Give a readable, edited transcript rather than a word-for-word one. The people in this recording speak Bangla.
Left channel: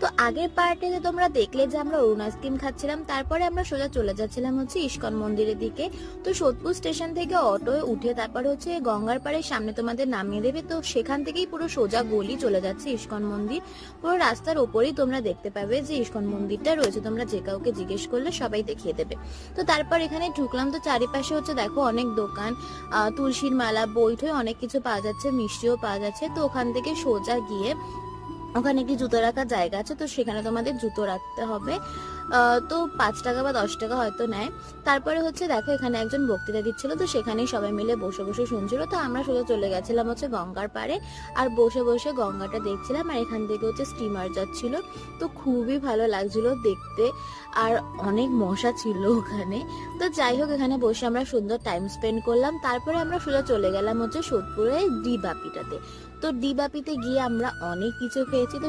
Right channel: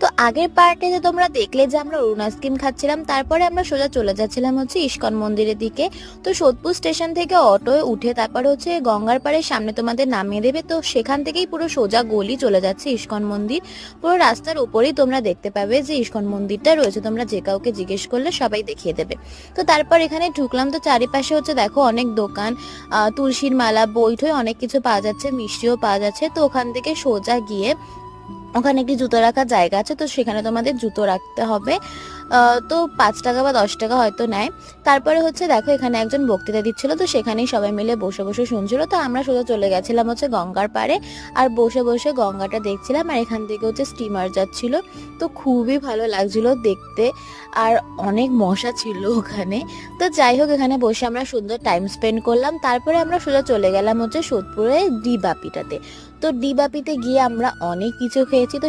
তো আগের পার্টে তোমরা দেখলে যে আমরা অরুণ আইসক্রিম খাচ্ছিলাম, তারপরে আমরা সোজা চলে যাচ্ছিলাম হচ্ছে ইস্কন মন্দিরের দিকে। তো সোদপুর স্টেশন থেকে অটোয় উঠে তারপরে হচ্ছে গঙ্গার পাড়ের সামনে তোমাদের নামিয়ে দেবে। তো সেখান থেকেই পুরো সোজা গলি চলে যাচ্ছে ইস্কন মন্দির। পুরো রাস্তার উপরেই তোমরা দেখতে পাবে যে ইস্কন মন্দিরটা রয়েছে, তোমরা যে কাউকে জিজ্ঞেস করলে সবাই দেখিয়ে দেবে। তো তারপর এখানে ঢুকলাম, তো চারিপাশে হচ্ছে দেখো অনেক দোকান, তুলসীর মালা, বই অনেক কিছু পাওয়া যাচ্ছে, মিষ্টিও পাওয়া যাচ্ছে। তো ওখান থেকে সোজা গিয়ে ওখানে একটি জুতো রাখার জায়গা আছে, তো সেখানে তোমাদের জুতো রাখতে হবে। তো 5 টাকা বা 10 টাকা হয়তো নেয়। তারপরে হচ্ছে দেখো এখানে একজন বক্তৃতা দিচ্ছিল, তো সেখানেই সবাই মিলে বসে বসে শুনছিল। তো আমরা সোজা চলে গেছিলাম হচ্ছে গঙ্গার পাড়ে, আর বসে বসে গঙ্গাটা দেখছিলাম। আর এখান থেকে হচ্ছে স্টিমার যাচ্ছিল, তো খুবই ভালো লাগছিল দেখতে। আর অনেক মশা ছিল ওখানে। তো যাই হোক, এখানে বসে আমরা সুন্দর টাইম স্পেন্ড করলাম। তারপরে আমরা সোজা চলে গেলাম হচ্ছে সোদপুরে ডি বাপিটাতে। তো ডি বাপিতে গিয়ে আমরা অনেক কিছু খেয়েছি। তো